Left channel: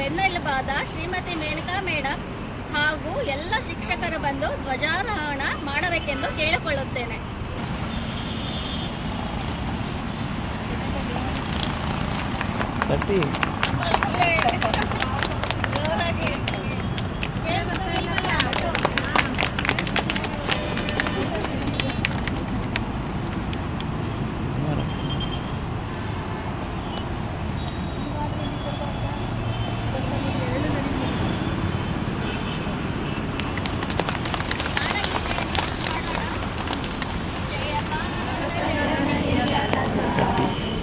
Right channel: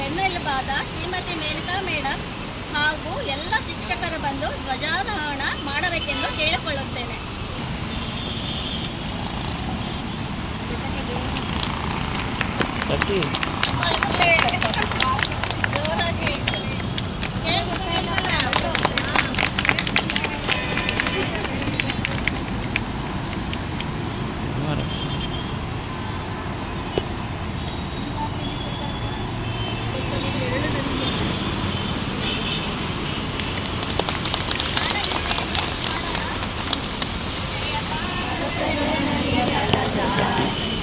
ಬೆನ್ನೆಲುಬಾದ Shrimati Maneka madam ಹಾಗೂ ಎಲ್ಲ ಶಿಕ್ಷಕರು ಬಂದು ಧ್ವಜಾರೋಹಣ ಮಾಡಬೇಕೆಂದು ಕೇಳಿಕೊಳ್ಳುತ್ತೇನೆ.